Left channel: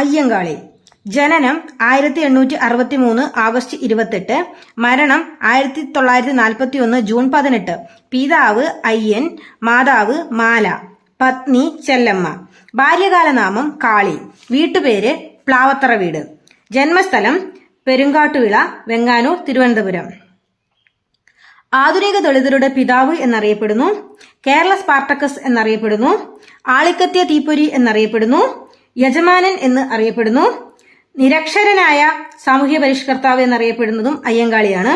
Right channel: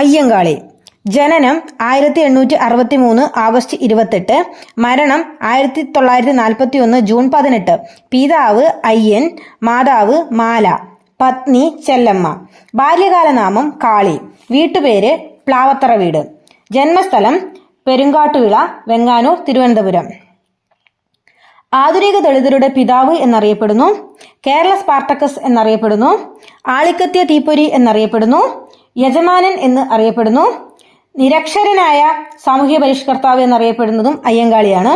അയ്യങ്കാളി. ജനനം 1863 ആഗസ്റ്റ് 28, മരണം 1941 ജൂൺ 18. പിതാവ് അയ്യൻ, മാതാവ് മാല, പത്നി ചെല്ലമ്മ. ബാല്യകാല നാമം കാളി. വീട്ടുപേര് പ്ലാവത്തറ വീട്. ജന്മസ്ഥലം പെരുങ്കാട്ടുവിള, വെങ്ങാനൂർ, തിരുവനന്തപുരം. ആധുനിക ദളിതരുടെ പിതാവ് എന്നറിയപ്പെടുന്നു. കേരള സ്പാർട്ടക്കസ് എന്നറിയപ്പെടുന്നു. ആളിക്കത്തിയ തീപ്പൊരി എന്നറിയപ്പെടുന്നു. യജമാനൻ എന്ന് അറിയപ്പെടുന്നു. നിരക്ഷരനായ സാമൂഹ്യ പരിഷ്കർത്താവ് എന്നറിയപ്പെടുന്നതും അയ്യങ്കാളിയാണ്.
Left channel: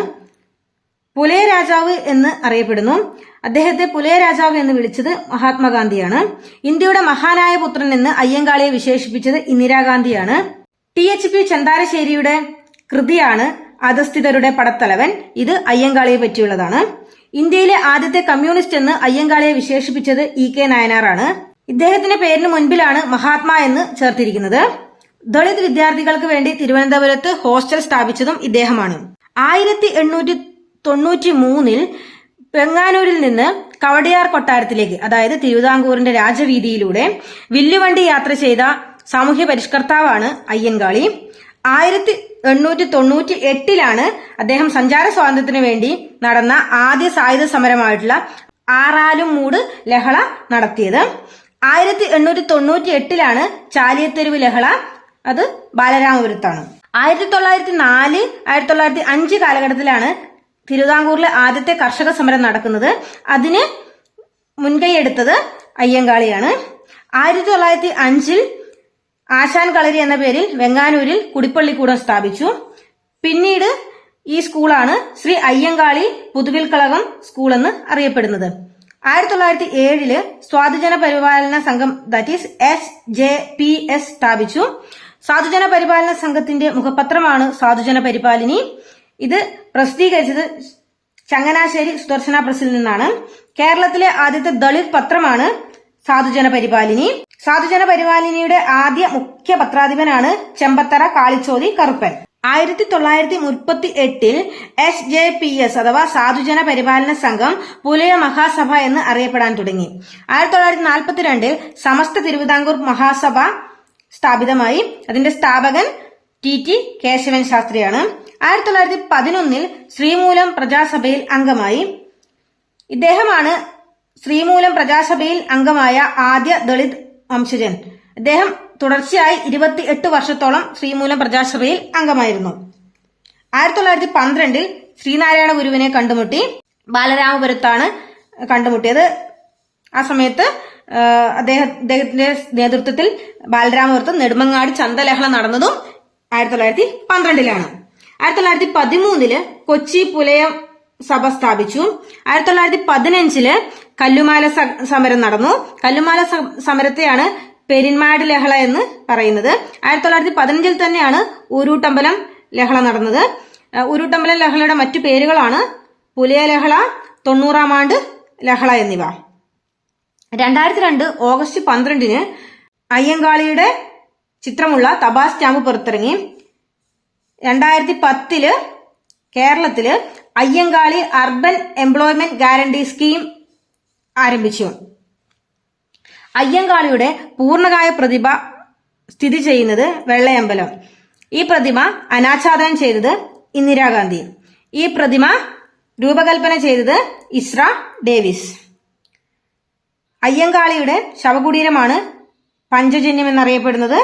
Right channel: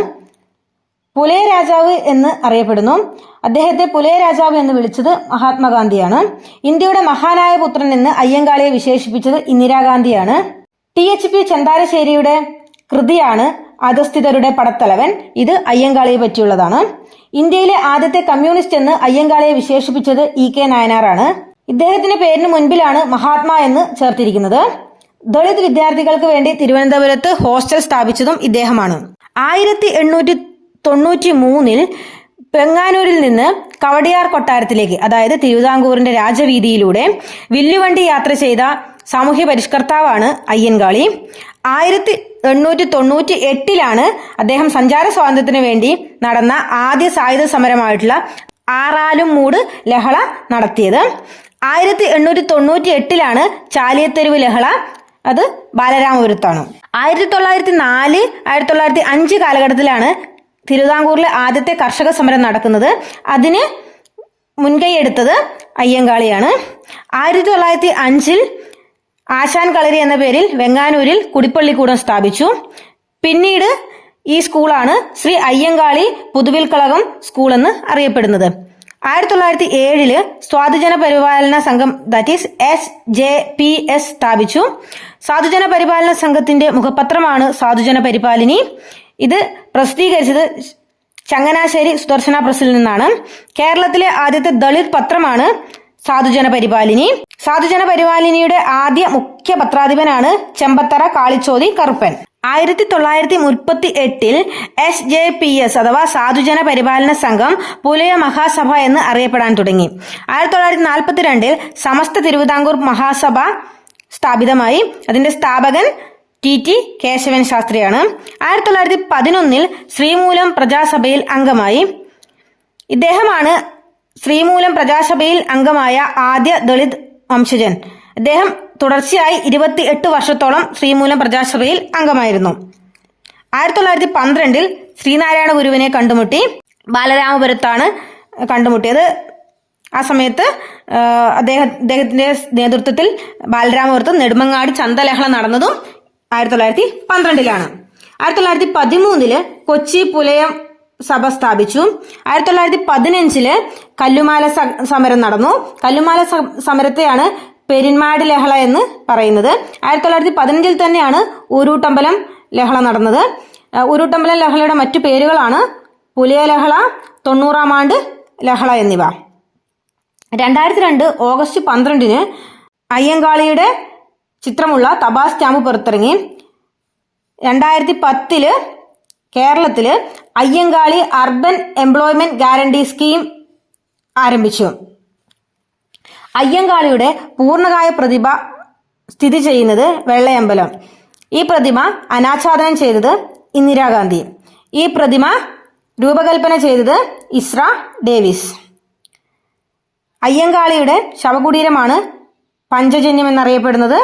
പുലയ രാജാവ് എന്ന് അറിയപ്പെടുന്നു. അദ്ദേഹത്തെ പുലയ രാജാവ് എന്ന് വിളിച്ചത് മഹാത്മാഗാന്ധിയാണ്. ഇന്ത്യയുടെ മഹാനായ പുത്രൻ എന്ന് അയ്യങ്കാളിയെ വിശേഷിപ്പിച്ചത് ഇന്ദിരാഗാന്ധിയാണ്. THP ചന്താരശ്ശേരിയുടെ കൃതിയാണ് അധസ്ഥിതരുടെ പടത്തലവൻ. ഇത് അയ്യങ്കാളിയെ പറ്റിയുള്ളതാണ്. ഇന്ത്യയിലെ ആദ്യത്തെ കമ്മ്യൂണിസ്റ്റ് എന്ന് അയ്യങ്കാളിയെ വിശേഷിപ്പിച്ചത് EK നായനാറാണ്. ഇദ്ദേഹത്തിന്റെ പേരിന് മുൻപിലാണ് മഹാത്മാ എന്ന് ചേർത്തിരിക്കുന്നത്. ദളിത് വിദ്യാർത്ഥികൾക്ക് വേണ്ടി തിരുവനന്തപുരത്ത് ഹോസ്റ്റൽ സ്ഥാപിച്ചതും ഇദ്ദേഹമാണ്. 1893 വെങ്ങാനൂരിൽ നിന്ന് കവടിയാർ കൊട്ടാരത്തിലേക്ക്, അതായത് തിരുവിതാംകൂറിന്റെ രാജവീതിയിലൂടെ വില്ലുവണ്ടി യാത്ര ചെയ്ത സാമൂഹ്യ പരിഷ്കർത്താവാണ് അയ്യങ്കാളി. 1898 അദ്ദേഹം സഞ്ചാര സ്വാതന്ത്ര്യത്തിന് വേണ്ടി നടന്ന ആദ്യ സായുധ സമരമായിട്ടുള്ള ആറാലും മൂട് ലഹള നടത്തിയത്. 1898 ചാലിയത്തെരുവ് ലഹള, അത് ബാലരാമപുരത്താണ്. 1904, 1905 കാലഘട്ടത്തിലാണ് തിരുവിതാംകൂറിലെ ആദ്യത്തെ കർഷക സമരം നടക്കുന്നത്. അതിന് മുൻകൈയെടുത്തത് അയ്യങ്കാളിയാണ്. 1905 ആശാൻ കളരി എന്ന പേരിൽ വെങ്ങാനൂരിൽ കുടിപ്പള്ളിക്കൂടം സ്ഥാപിച്ചു. പിന്നീട് ഈ സ്കൂളാണ് ശ്രീ അയ്യങ്കാളി പുതുവിൽക്കളകം സ്കൂൾ എന്ന് അറിയപ്പെടുന്നത്. 1907 സ്വാധുജന പരിപാലന സംഘം, ദാറ്റ് ഈസ് SJPS സ്ഥാപിച്ചു. സാധുജന പരിപാലന സംഘത്തിന്റെ മുഖപത്രമാണ് സാധുജന പരിപാലിനി. ഇത് പ്രസിദ്ധീകരിച്ചത് ചങ്ങനാശ്ശേരി സുദർശന പ്രസിൽ നിന്നാണ്. കേരളത്തിലെ ആദ്യത്തെ ദളിത് പത്രമാണ് സാധുജന പരിപാലിനി. സാധുജന പരിപാലിനിയുടെ ആദ്യ മുഖ്യ പത്രാധിപനാണ് ചെമ്പത്തറ കാളിച്ചോതി കറുപ്പൻ. 1938 SJPS അഥവാ സാധുജന പരിപാലന സംഘം പുലയ മഹാസഭ എന്ന് അറിയപ്പെടാൻ തുടങ്ങി. 1942 സമസ്ത തിരുവിതാംകൂർ മഹാസഭ സ്ഥാപിതമായി. അതിന്റെ സ്ഥാപകൻ TT കേശവൻ ശാസ്ത്രിയാണ്. 1911 ശ്രീമൂലം പ്രജാസഭയിൽ അംഗമായി. ഇദ്ദേഹമാണ് ശ്രീമൂലം പ്രജാസഭയിൽ അംഗമായ ആദ്യ ദളിത് വംശജൻ. അദ്ദേഹം തുടർച്ചയായി 28 വർഷത്തോളം ശ്രീമൂലം പ്രജാസഭയിൽ അംഗമായിരുന്നു. 1912 ശ്രീനാരായണ ഗുരുവിനെ കണ്ടുമുട്ടി. ബാലരാമപുരത്താണ് കണ്ടുമുട്ടിയത്. ആ സമയത്ത് അദ്ദേഹത്തിന്റെ നേതൃത്വത്തിൽ ബാലരാമപുരത്ത് നെടുമങ്ങാട് ചന്തലഹള നടന്നതും 1912. 1913 കൊച്ചി പുലയം സഭ സ്ഥാപിച്ചു. 1915 കല്ലുമാല സമരം നടന്നു. കല്ലുമാല സമരത്തെയാണ് പെരിന്മാട് ലഹള എന്ന് പറയുന്നത്. 1915 തന്നെയാണ് ഊരൂട്ടമ്പലം ലഹള നടന്നത്. ഊരൂട്ടമ്പലം ലഹളയുടെ മറ്റു പേരുകളാണ് പുലയ ലഹള, 90-ാം ആണ്ട് ലഹള എന്നിവ. 2002 ഓഗസ്റ്റ് 12 അയ്യങ്കാളിയുടെ ചിത്രമുള്ള തപാൽ സ്റ്റാമ്പ് പുറത്തിറങ്ങി. 2010 കേരളത്തില് Ayyankali urban employment guarantee scheme ആരംഭിച്ചു. അയ്യങ്കാളിയുടെ പൂർണ്ണകായ പ്രതിമ സ്ഥിതി ചെയ്യുന്നത് വെള്ളയമ്പലം. ഈ പ്രതിമ അനാച്ഛാദനം ചെയ്തത് ഇന്ദിരാഗാന്ധി. ഈ പ്രതിമ രൂപകൽപ്പന ചെയ്തത് ഇസ്ര ഡേവിസ്. അയ്യങ്കാളിയുടെ ശവകുടീരമാണ് പഞ്ചജന്യം എന്നറിയപ്പെടുന്നത്.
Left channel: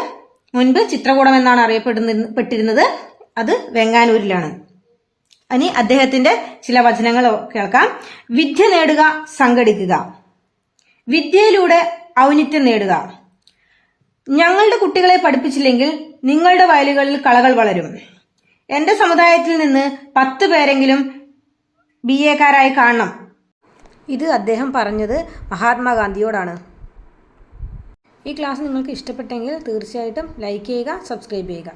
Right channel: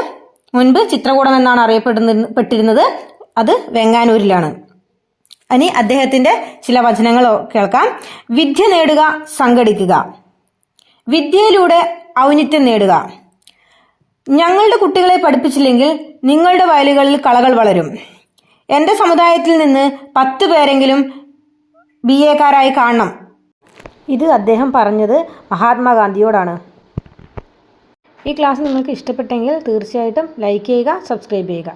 മുൻപ് ചിത്രകൂടം എന്നാണ് അറിയപ്പെട്ടിരുന്നത്. അത് വെങ്ങാനൂരിലാണ്. ഇനി അദ്ദേഹത്തിന്റെ ചില വചനങ്ങൾ കേൾക്കാം. വിദ്യ നേടുക, സംഘടിക്കുക. വിദ്യയിലൂടെ ഔന്നിത്യം നേടുക. ഞങ്ങളുടെ കുട്ടികളെ പഠിപ്പിച്ചില്ലെങ്കിൽ നിങ്ങളുടെ വയലുകളിൽ കളകൾ വളരും. എന്റെ സമുദായത്തിൽ നിന്ന് 10 പേരെങ്കിലും BA-ക്കാരായി കാണണം. ഇത് അദ്ദേഹം പറഞ്ഞത് മഹാത്മാഗാന്ധിയോടാണ്. ഈ ക്ലാസ് നിങ്ങൾക്ക് ഇഷ്ടപ്പെട്ടെങ്കിൽ തീർച്ചയായിട്ടും ലൈക്ക് ചെയ്യുക, സബ്സ്ക്രൈബ് ചെയ്യുക.